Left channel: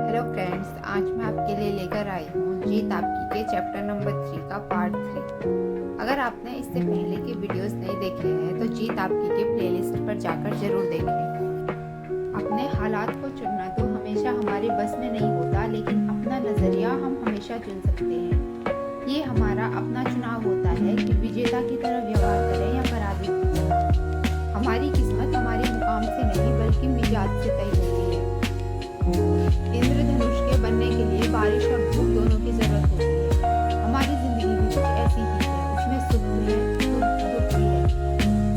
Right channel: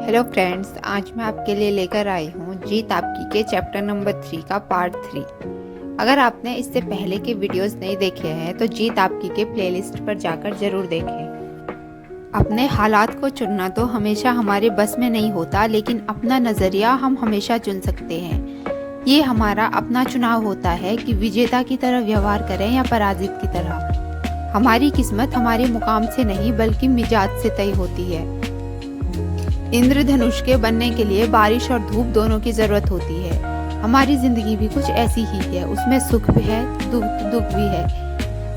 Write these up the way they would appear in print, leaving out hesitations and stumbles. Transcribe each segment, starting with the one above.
Hello friends, आज मैं आपके लिए लेकर आई हूँ जीत आपकी के चैप्टर नंबर 3 का पार्ट 3। अगर आपने इससे पहले के वीडियोस नहीं देखे हैं तो जीत आपकी के प्लेलिस्ट पर जाकर जरूर देखें। अपने हालात को चुनना तो हमेशा हमारे बस में नहीं होता, लेकिन अपना नज़रिया हम हमेशा चुन सकते हैं। ये हमारा अपना चुनाव होता है कि विजेता की तरह व्यवहार करें या पराजित की तरह। हमारी किस्मत हमारे मुकाम से नहीं बल्कि मिजाज से तय होती है। इंद्रधनुष के बनने के लिए बारिश और धूप दोनों की जरूरत होती है। हमारी जिंदगी भी कुछ ऐसी ही है, उसमें सुख भी है, दुख भी है,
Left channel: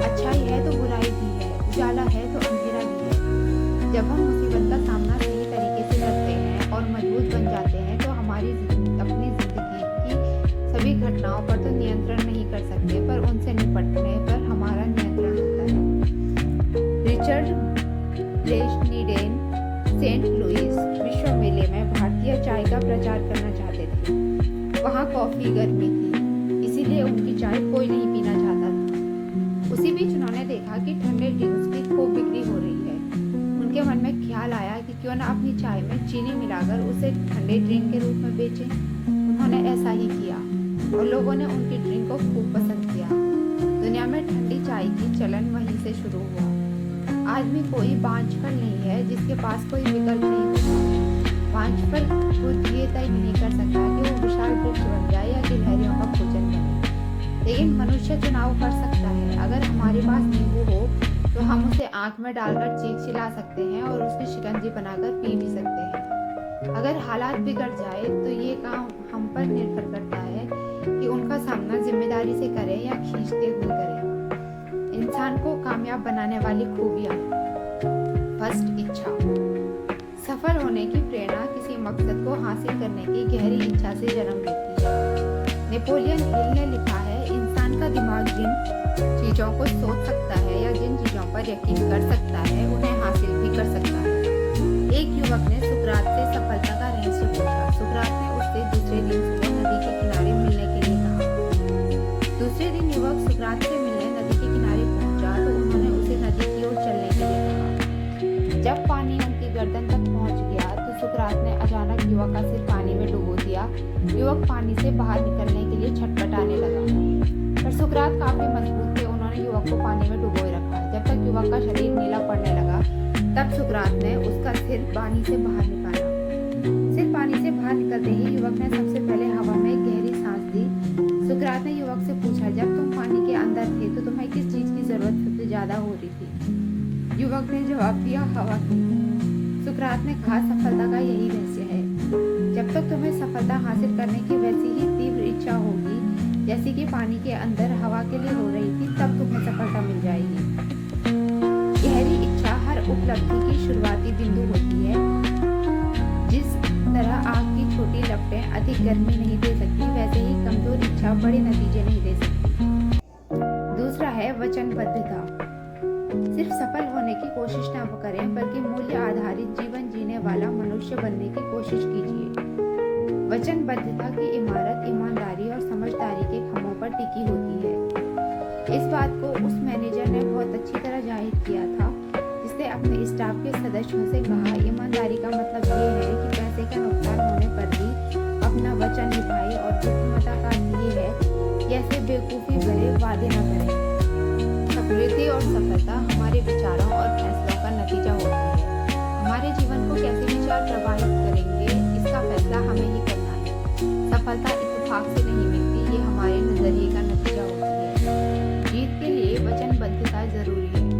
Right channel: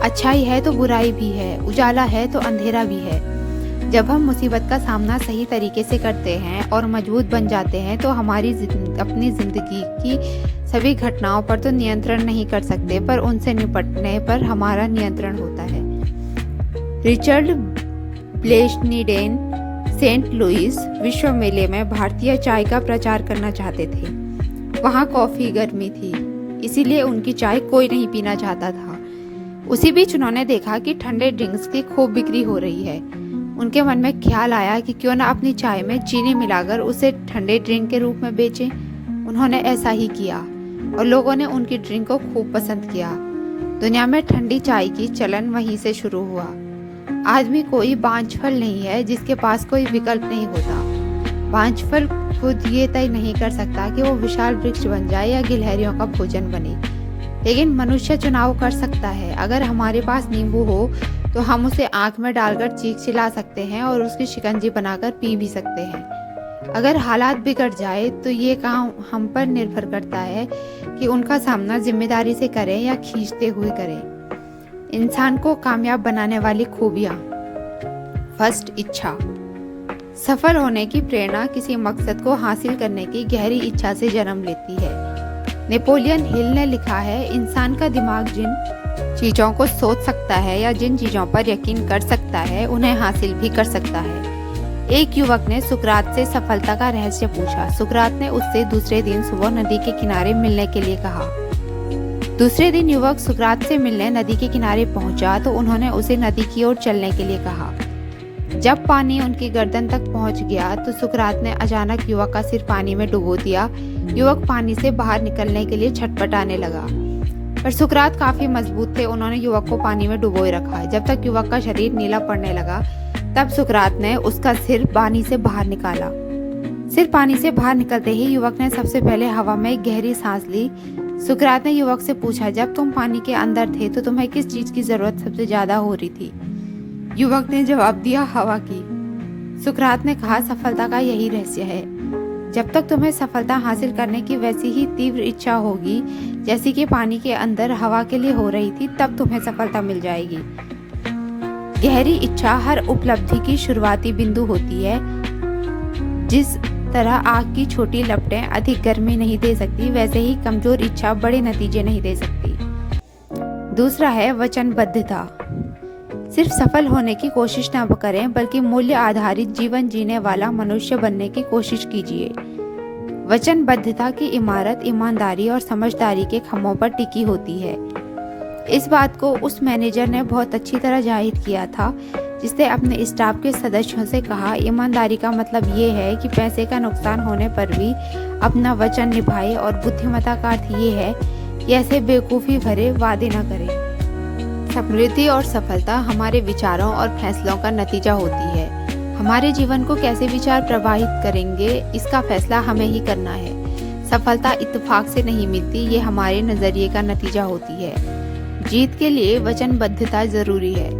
अच्छाई है तो बुराई भी है, उजाला है तो अंधेरा भी है। जब हम मुसीबत का सामना सही तरीके से करते हैं और मजबूत बन जाते हैं तो हमारी अपनी जिंदगी की सभी घटनाओं पर तो नियंत्रण नहीं कर सकते, पर उनसे निपटने पर हमारा नियंत्रण होता है। रिचर्ड ब्लेशनीडेन सेंट लुइस विश्व मेले में भारतीय चाय का प्रचार करना चाहते थे। वहाँ कॉफी गर्मी थी, इसीलिए उनकी चाय कोई नहीं पीना चाहता था। उसी बीच उन्होंने देखा कि ठंडे ड्रिंक्स की खूब बिक्री हो रही है। उनके मन में ख्याल आया कि क्यों ना अपनी चाय में चीनी मिलाकर उसे ठंडे ड्रिंक के रूप में बेचें। उन्होंने ऐसा ही किया और लोगों ने उनकी ड्रिंक को खूब पसंद किया। दुनिया में ठंडी चाय की चलन वहीं से शुरू हुआ। आदमी कोई बांझफल नहीं है जिसके पास कोई विकल्प नहीं होता। बांझफल खुद ये तय नहीं कर सकता कि वो विशाल वृक्ष बन जाए या गिलहरियों का भोजन बने, लेकिन मनुष्य चुनाव कर सकता है। अगर हमारे पास नींबू हो तो हम उसे आंख में डालकर चीख चिल्ला सकते हैं और उसकी शिकंजी बनाकर पी भी सकते हैं। अगर हालात बिगड़ जाए तो ये काम हम पर निर्भर करता है कि उनका सामना जिम्मेदारी से करें या खींचते हुए करें। इंसान को कामयाब बनाने वाली खूबियां। फर्स्ट, इच्छा। सफल होने की प्रेरणा किसी मकसद को हासिल करने की गहरी इच्छा से जन्म लेती है। नेपोलियन हिल ने लिखा है, इंसान का दिमाग जिन चीजों को सोच सकता है या जिन चीजों पर यकीन कर सकता है उन्हें हासिल भी कर सकता है। एक युवक ने सुकरात से सफलता का रहस्य पूछा। सुकरात ने उससे दूसरे दिन सुबह नदी के किनारे मिलने के लिए कहा। दूसरे दिन युवक सुकरात से मिलने नदी के किनारे पहुंचा तो उन्होंने उसे नदी की ओर चलने के लिए कहा। जब पानी उनकी गर्दन तक पहुंच गया तो सुकरात ने अचानक युवक का सिर पानी में डुबो दिया। युवक पानी से बाहर निकलने के लिए छटपटाने लगा, पर सुकरात काफी मजबूत थे। उन्होंने युवक को पानी में डुबोए रखा। जब तक युवक का शरीर नीला पड़ने लगा तब सुकरात ने उसका सिर पानी से बाहर निकाला। सिर पानी से बाहर निकलते ही युवक ने सबसे पहले हवा में एक गहरी सांस ली। सुकरात ने युवक से पूछा, जब तुम पानी के अंदर थे तो तुम्हें किस चीज की जरूरत सबसे ज्यादा हो रही थी? युवक ने जवाब दिया, हवा की। सुकरात ने कहा, सफलता का यही रहस्य है। जब तक तुम्हें सफलता हासिल करने की वैसी ही तीव्र इच्छा होगी जैसी कि पानी के अंदर हवा के लिए हो रही थी, तब तुम्हें सफलता मिल जाएगी। गहरी इच्छा हर उपलब्धि की शुरुआती बिंदु होती है। जिस तरह आग की छोटी लपटें अधिक गर्मी नहीं दे सकती, वैसे ही कमजोर इच्छा बड़े नतीजे नहीं दे सकती। दूसरा है वचनबद्धता। सिर्फ सफल होने की कोशिश न करें बल्कि मूल्य आधारित जीवन जीने वाला मनुष्य बनने की कोशिश कीजिए। वचनबद्धता की इमारत ईमानदारी और समझदारी के खंभों पर टिकी होती है। इस बात को उस मैनेजर ने बहुत अच्छी तरह जाहिर किया था जिसने अपने स्टाफ के सदस्यों से कहा, ईमानदारी का मतलब ये है कि पैसे का नुकसान होने पर भी अपना वचन निभाए, और बुद्धिमत्ता का अर्थ ये है कि ऐसे बेवकूफ़ी भरे वादे न करें। समृद्धि और सफलता हमारे विचारों और फैसलों का नतीजा होती है। हमारे जीवन को कैसे विचार प्रभावित करेंगे इसका फैसला हमें ही करना है। सफलता इत्तेफाक से नहीं मिलती, ये हमारे नजरिए का नतीजा होती है। जीत के लिए वचनबद्धता जरूरी है।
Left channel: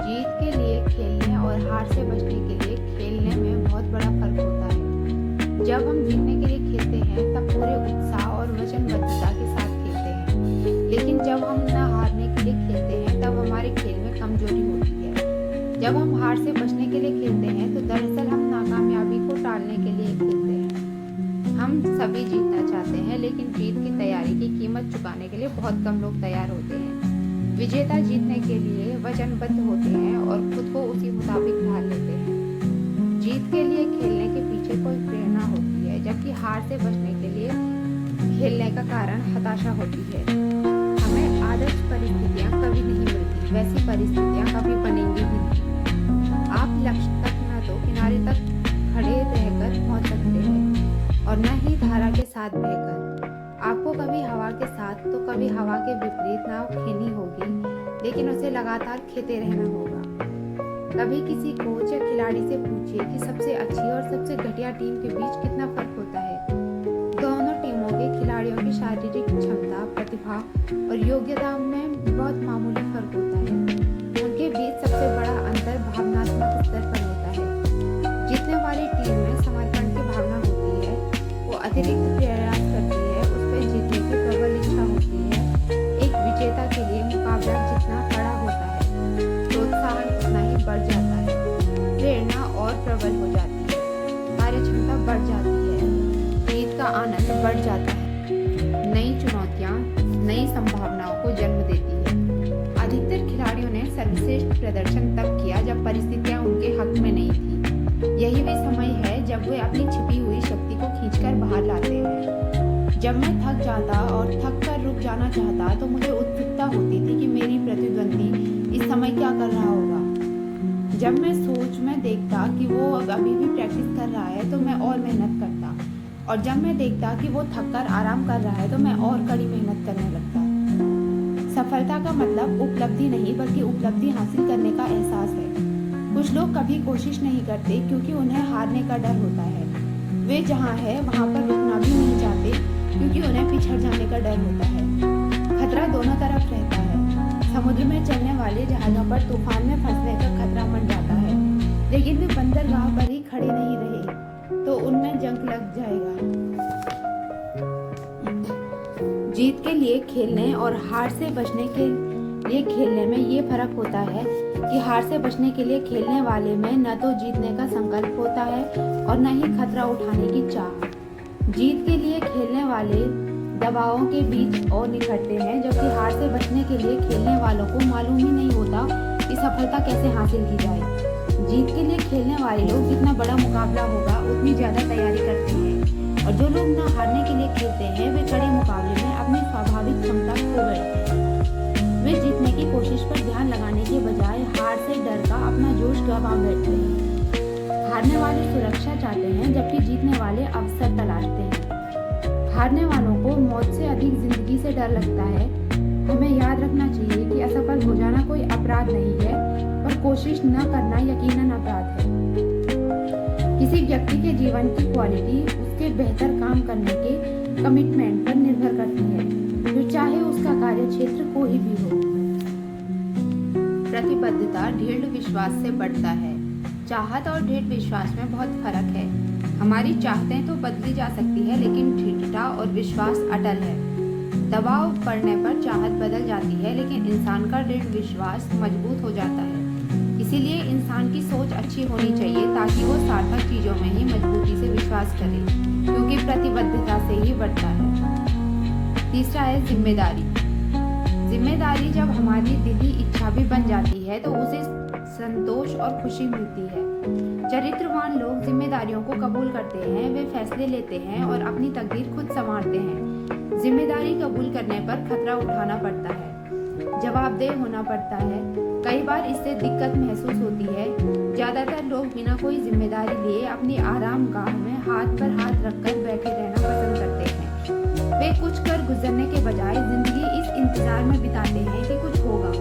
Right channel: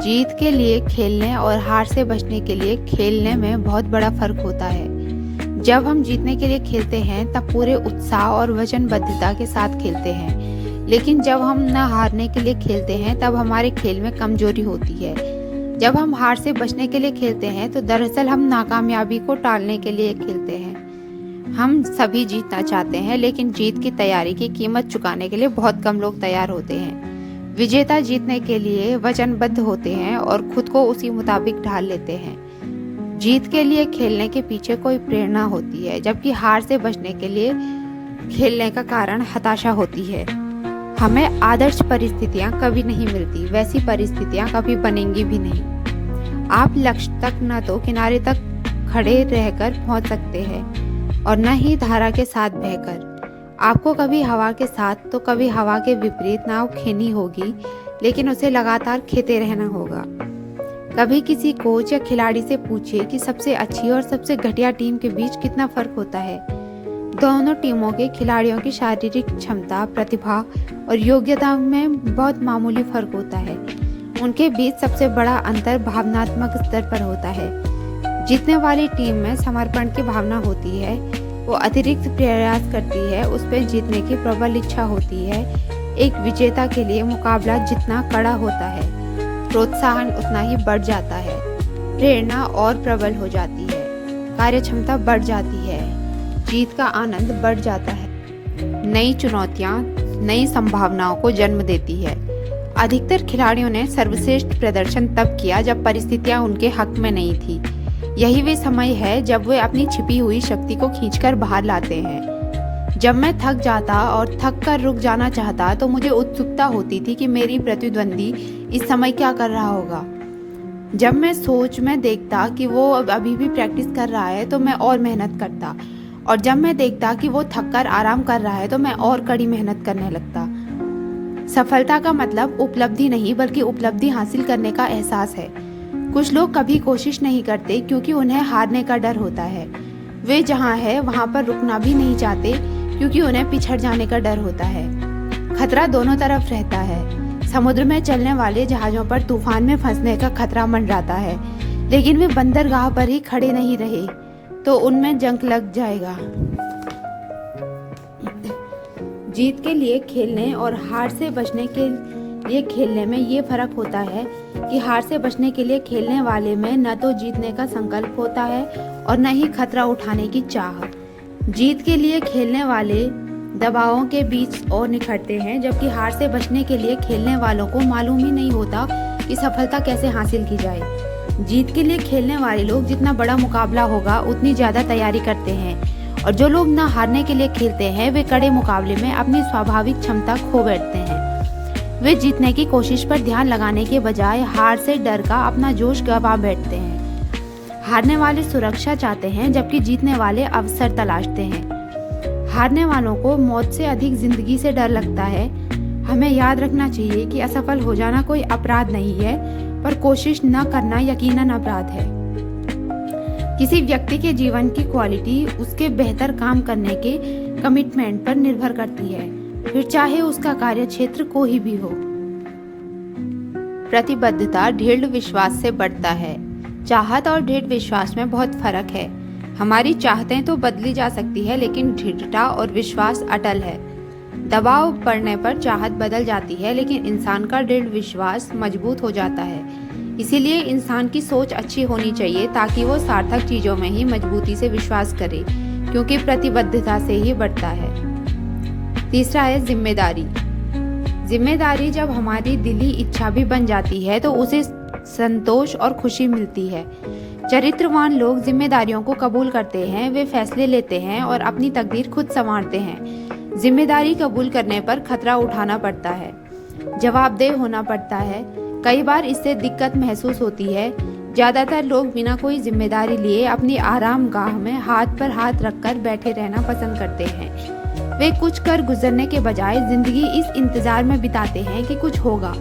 जीत के लिए खेलने और हार से बचने के लिए खेलने में बहुत बड़ा फर्क होता है। जब हम जीतने के लिए खेलते हैं तब पूरे उत्साह और वचनबद्धता के साथ खेलते हैं, लेकिन जब हम न हारने के लिए खेलते हैं तब हमारे खेल में कमजोरी होती है। जब हम हार से बचने के लिए खेलते हैं तो दरअसल हम नाकामयाबी को टालने के लिए खेलते हैं। हम सभी जीतना चाहते हैं, लेकिन जीत की तैयारी की कीमत चुकाने के लिए बहुत कम लोग तैयार होते हैं। विजेता जीतने के लिए वचनबद्ध होते हैं और खुद को उसी मुताबिक ढाल लेते हैं। जीत के लिए खेलने के पीछे कोई प्रेरणा होती है, जबकि हार से बचने के लिए खेलने का कारण हताशा होती है। हमें आदर्श परिस्थितियां कभी नहीं मिलती, वैसी परिस्थितियां कभी बनेंगी भी नहीं। आप लक्ष्य तक न तो किनारे तक खड़े रहकर पहुंच सकते हैं और न ही धारा के साथ बहकर। आपको कभी हवा के साथ तो कभी हवा के विपरीत नाव खेनी होगी, लेकिन उसे लगातार खेते रहना होगा। कभी किसी कोच या खिलाड़ी से पूछिए कि सबसे अच्छी और सबसे घटिया टीम के बीच कितना फर्क होता है। दोनों टीमों के खिलाड़ियों की शारीरिक क्षमता, प्रतिभा और योग्यता में बहुत मामूली फर्क होता है। उनके बीच सबसे बड़ा अंतर भावनात्मक स्तर पर होता है। जीतने वाली टीम में समर्पण की भावना होती है, वो अतिरिक्त प्रयास करती है, उस पर जीतने की प्रबल इच्छा होती है। एक विजेता के लिए मुकाबला जितना कड़ा होता है, प्रोत्साहन उतना ही बढ़ जाता है, प्रेरणा और प्रबल हो जाती है, कार्यक्षमता बढ़ जाती है, जीत का आनंद बढ़ जाता है। नई चुनौतियां नई संभावनाओं को जन्म देती है। अधिकतर खिलाड़ियों ने सर्वश्रेष्ठ प्रदर्शन तब किया जब परिस्थितियां उनके हक में नहीं थी। यही वे समय है जब वे अपनी छिपी हुई शक्ति को खींचकर बाहर लाते हैं। जब मैं थक जाता और थक कर रुक जाना चाहता तो मुझे उत्सुकता होती थी कि मेरी प्रतिद्वंदी इस समय क्या कर रहा होगा। जब मैं सोच में देखता कि वो अभी भी प्रैक्टिस कर रहा है तो मैं और मेहनत करता, और जब मैं देखता कि वो थक कर आराम कर रहा है तो मैं और कड़ी मेहनत करने लगता। सफलता का मतलब उपलब्धि नहीं बल्कि उपलब्धि हासिल करने का एहसास है। कुछ लोग कभी कोशिश नहीं करते क्योंकि उन्हें हारने का डर होता है। वे जहाँ है वहाँ पर रुकना भी नहीं चाहते क्योंकि उन्हें पिछड़ जाने का डर होता है। खतरा दोनों तरफ रहता है। समुद्र में चलने वाले जहाज़ों पर तूफान में फंसने का खतरा मंडराता है, लेकिन वे बंदरगाह पर ही खड़े नहीं रहे तो उनमें जंग लग जाएगा। जीत के लिए खेलने और हार से बचने के लिए खेलने में ये फर्क होता है कि हार से बचने के लिए खेलने वाले में न तो जीतने का संकल्प होता है और न ही खतरा उठाने की चाह। जीत के लिए खेलने वाले दबावों के बीच और निखरते हैं, जबकि हार से बचने के लिए खेलने वालों को मालूम ही नहीं होता कि सफलता कैसे हासिल की जाए। जीत के लिए खेलने वाले लोग जितना बड़ा मुकाबला होगा उतनी ज़्यादा तैयारी करते हैं, और जो लोग ना हारने के लिए खेलते हैं वे कड़े मुकाबले में अपनी स्वाभाविक क्षमता खो बैठते हैं। वे जीतने की कोशिश पर ध्यान लगाने के बजाय हार से डर का अपना जोश गंवा बैठते हैं। हारने वाले सुरक्षा चाहते हैं जबकि जीतने वाले अवसर तलाशते हैं। हारने वालों को मौत से अधिक जिंदगी से डर लगता है। हमें याद रखना चाहिए कि असफल हो जाना कोई अपराध नहीं है, पर कोशिश न करना यकीनन अपराध है। किसी व्यक्ति के जीवन की क्वालिटी उसके बेहतर काम करने के कमिटमेंट पर निर्भर करती है, फिर चाहे उसका कार्य क्षेत्र कोई भी हो। प्रतिबद्धता दृढ़ विश्वास से बढ़ता है। चाहत और दृढ़ विश्वास में बहुत फर्क है। हमारी चाहतें तो बदली जा सकती है, लेकिन दृढ़ता और विश्वास अटल है। दबाव पड़ने पर चाहत बदल जाती है, लेकिन इंसान का दृढ़ विश्वास मजबूत हो जाता है। इसीलिए इंसान की सोच अच्छी होनी चाहिए ताकि वो सार्थक चीज़ों में ही मजबूती से विश्वास करे, क्योंकि प्रतिबद्धता से ही बढ़ता है। तीसरा है जिम्मेदारी। जिम्मेदारी जब हमारी दिली इच्छा भी बन जाती है तो उसे संतोष और खुशी मिलती है। चरित्रवान लोग जिम्मेदारियों को कबूल करते हैं, वे फैसले लेते हैं और अपनी तकदीर खुद संवारते हैं। जिम्मेदारी कबूल करने पर खतरा उठाना पड़ता है, जवाबदेह होना पड़ता है। कई बार इससे दिक्कत महसूस होती है। ज़्यादातर लोग बिना कोई जिम्मेदारी लिए अपनी आराम गाह में हाथ पर हाथ रखकर बैठे रहना पसंद करते हैं। वे कुछ कर गुजरने के बजाय जिंदगी इस इंतजार में बिताते हैं कि कुछ होगा।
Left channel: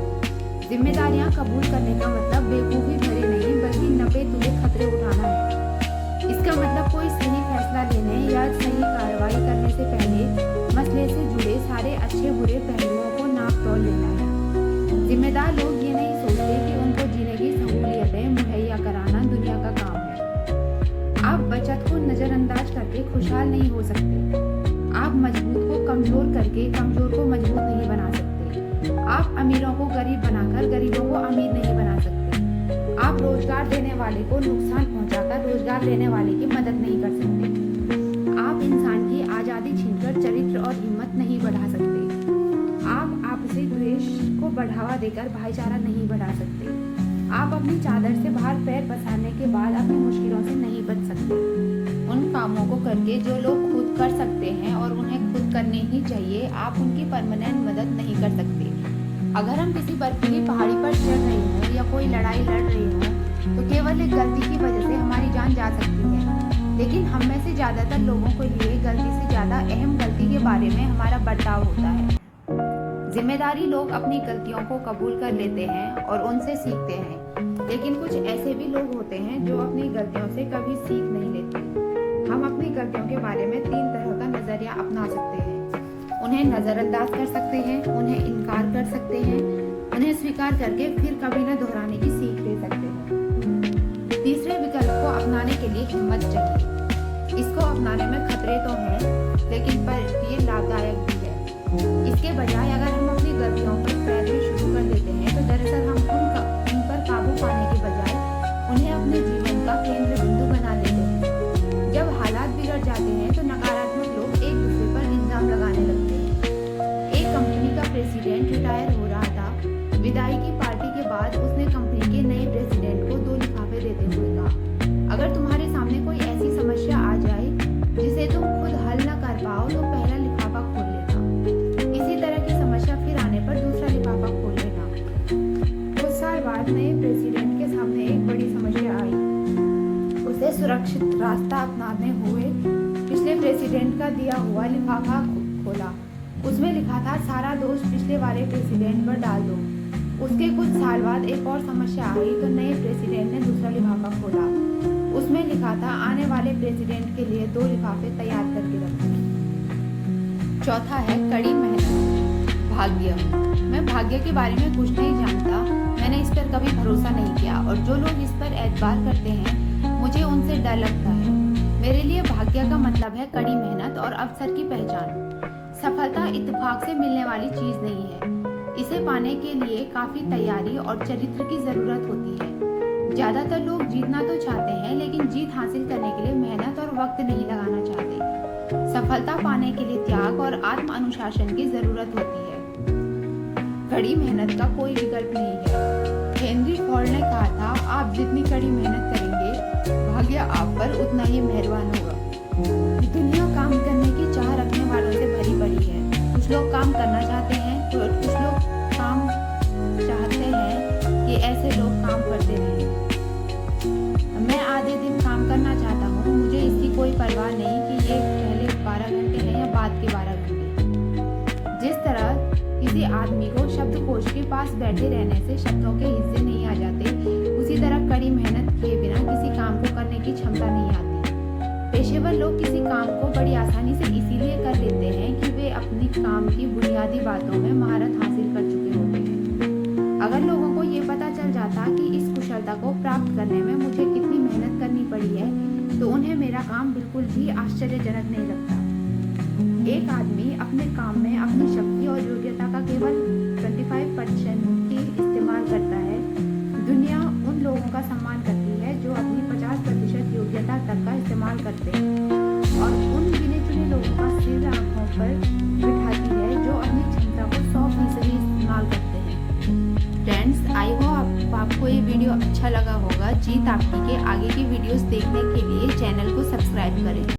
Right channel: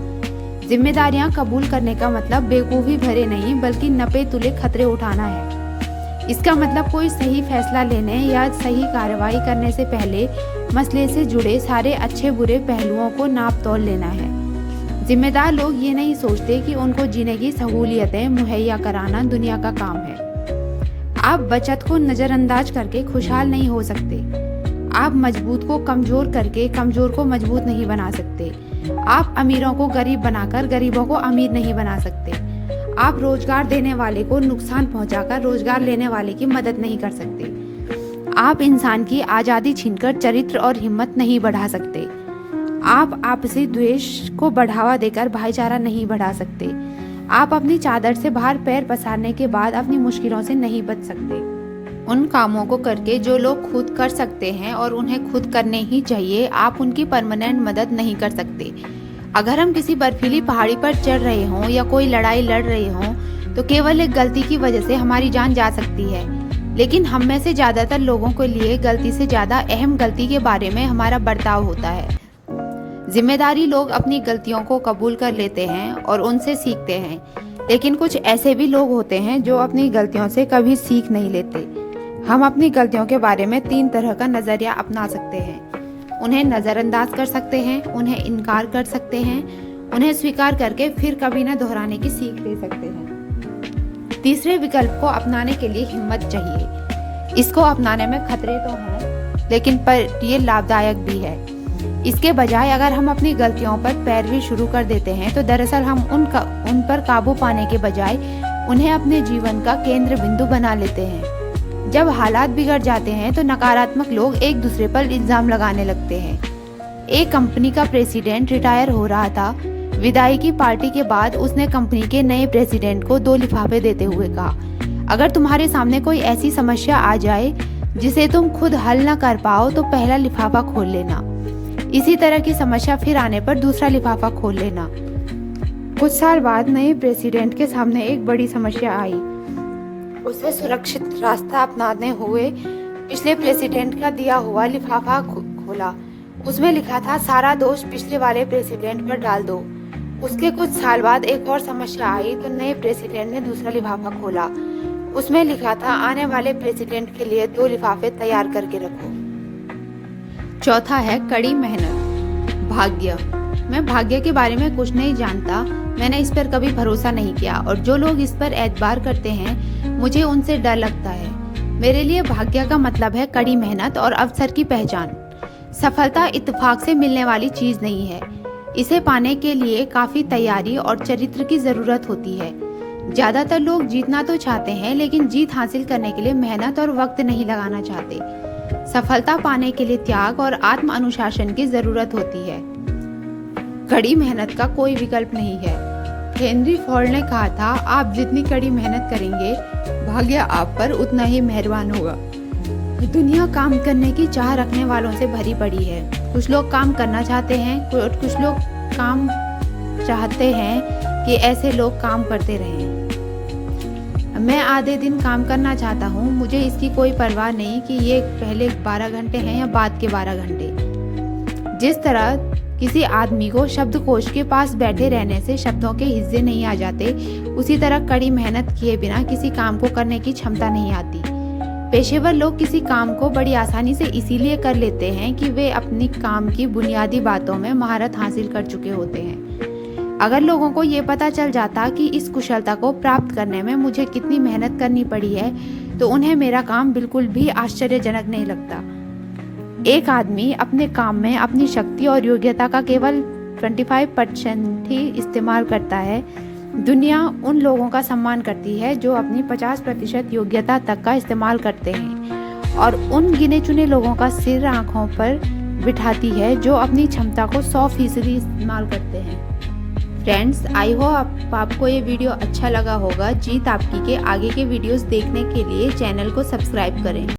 जिम्मेदारियां कबूल करने का मतलब बेवकूफ़ी भरे नहीं बल्कि नपे तुले खतरे उठाना है। इसका मतलब कोई सही फैसला लेने या सही कार्रवाई करने से पहले मसले से जुड़े सारे अच्छे बुरे पहलुओं को नाप तोल लेना है। जिम्मेदार लोग ये नहीं सोचते कि उनको जीने की सहूलियतें मुहैया कराना दुनिया का काम है। आप बचत को नज़रअंदाज करके खुशहाल नहीं हो सकते। आप मजबूत को कमज़ोर करके कमज़ोर को मजबूत नहीं बना सकते। आप अमीरों को गरीब बनाकर गरीबों को अमीर नहीं बना सकते। आप रोजगार देने वाले को नुकसान पहुंचाकर रोजगार लेने वाले की मदद नहीं कर सकते। आप इंसान की आज़ादी छीनकर चरित्र और हिम्मत नहीं बढ़ा सकते। आप आपसी द्वेष को बढ़ावा देकर भाईचारा नहीं बढ़ा सकते। आप अपनी चादर से बाहर पैर पसारने के बाद अपनी मुश्किलों से नहीं बच सकते। उन कामों को करके जो लोग खुद कर सकते हैं और उन्हें खुद करने ही चाहिए, आप उनकी परमानेंट मदद नहीं कर सकते। अगर हम किसी बर्फीली पहाड़ी पर चढ़ रहे हों या कोई लड़ाई लड़ रहे हों तो केवल एक गलती की वजह से हमारी जान जा सकती है। लेकिन हम में से ज़्यादातर लोगों के लिए गलती से ज़्यादा अहम गलती के बारे में हमारा बर्ताव होता है। जिम्मेदारी लोग अपनी गलतियों को कबूल कर लेते हैं और उनसे सीखते हैं, लेकिन कुछ ऐसे भी लोग होते हैं जो अपनी गलतियों से कभी सीख नहीं लेते। हम अपनी गलतियों के बारे में 3 तरह का नज़रिया अपना सकते हैं। उन्हें नज़रअंदाज कर सकते हैं, उन्हें इनकार कर सकते हैं, उन्हें स्वीकार करके फिर कभी न दोहराने की सीख दे सकते हैं। तीसरे विकल्प को अपनाने के लिए हिम्मत चाहिए। इसको अपनाने में खतरे तो हैं, लेकिन पर ये लाभदायक भी है। इसके बजाय अगर हम अपनी गलतियों पर पैरवी शुरू कर देते हैं तो दरअसल हम उन पर काबू पाने के बजाय उन्हें अपने जीवन का केंद्र बिंदु बना लेते हैं। जब हालात बिगड़ जाते हैं तो नकारात्मक लोग एक दूसरे पर इल्जाम लगाने लगते हैं। एक कंपनी का प्रेसिडेंट रिटायर हो रहा था। विदाई की पार्टी के बाद उसने कंपनी के नए प्रेसिडेंट को 2 लिफाफे देते हुए कहा, अगर तुम्हारे सामने कोई ऐसी समस्या आ जाए जिसे तुम खुद हल न कर पाओ तो पहला लिफाफा खोल लेना। इसी तरह की समस्या फिर आने पर दूसरा लिफाफा खोल लेना। कुछ साल बाद नए प्रेसिडेंट के सामने एक बड़ी समस्या आई। उसे सुरक्षित रास्ता अपनाने हुए पिछले प्रेसिडेंट का दिया हुआ लिफाफा खोला। उसमें लिखा था, सारा दोष पिछले वाले प्रेसिडेंट पर डाल दो। उसके कुछ साल बाद एक और समस्या आई तो नए प्रेसिडेंट ने दूसरा लिफाफा खोला। उसमें लिखा था, आने वाले प्रेसिडेंट के लिए 2 लिफाफे तैयार करके रखो। चौथा है कड़ी मेहनत। भाग्य। मैं भाग्य के बारे में कुछ नहीं जानता, मैंने इस पर कभी भरोसा नहीं किया और जो लोग इस पर एतबार करते हैं मुझे उनसे डर लगता है। मेरे लिए भाग्य का मतलब है कड़ी मेहनत और अवसर की पहचान। सफलता इत्तेफाक से मिलने वाली चीज नहीं है। इसे पाने के लिए काफी तैयारी और चरित्र की जरूरत होती है। ज्यादातर लोग जीतना तो चाहते हैं, लेकिन जीत हासिल करने के लिए मेहनत और वक्त नहीं लगाना चाहते। सफलता पाने के लिए त्याग और आत्म अनुशासन की जरूरत होती है। कड़ी मेहनत का कोई विकल्प नहीं है। हेनरी फोर्ड ने कहा था, आप जितनी कड़ी मेहनत करेंगे, भाग्य आप पर उतना ही मेहरबान होगा। दुनिया काम करने की चाह रखने वालों से भरी पड़ी है। कुछ लोग काम करना चाहते हैं और कुछ लोग काम चाहते हैं कि ऐसे लोग काम करते रहें। मैं आधे दिन काम करना चाहता हूँ, मुझे इसकी कोई परवाह नहीं कि ये पहले 12 घंटे हैं या बाद के 12 घंटे। जिस तरह किसी आदमी को शब्दकोश के पास बैठे रहने से शब्दों के हिस्से नहीं आ जाते, उसी तरह कड़ी मेहनत किए बिना किसी काम को करने की क्षमता नहीं आती। पेशेवर लोग किसी काम को बड़ी आसानी से इसीलिए कर लेते हैं कि वे अपनी काम की बुनियादी बातों में महारत हासिल कर चुके होते हैं। अगर लोगों को ये पता चल जाता कि इस कुशलता को प्राप्त करने में मुझे कितनी मेहनत करनी पड़ी है, तो उन्हें मेरा काम बिल्कुल भी आश्चर्यजनक नहीं लगता। एक आदमी अपने काम में अपनी शक्ति और योग्यता का केवल 25% ही इस्तेमाल करता है। दुनिया उन लोगों का सम्मान करती है जो अपनी 50% योग्यता तक का इस्तेमाल करते हैं और उन गिने चुने लोगों का सिर आंखों पर बिठाती है जो अपनी क्षमता को 100% इस्तेमाल करते हैं। फ्रेंड्स, आई होप आपको ये वीडियो अच्छा लगा होगा। जीत आपकी के आगे के वीडियोस देखने के लिए चैनल को सब्सक्राइब करें।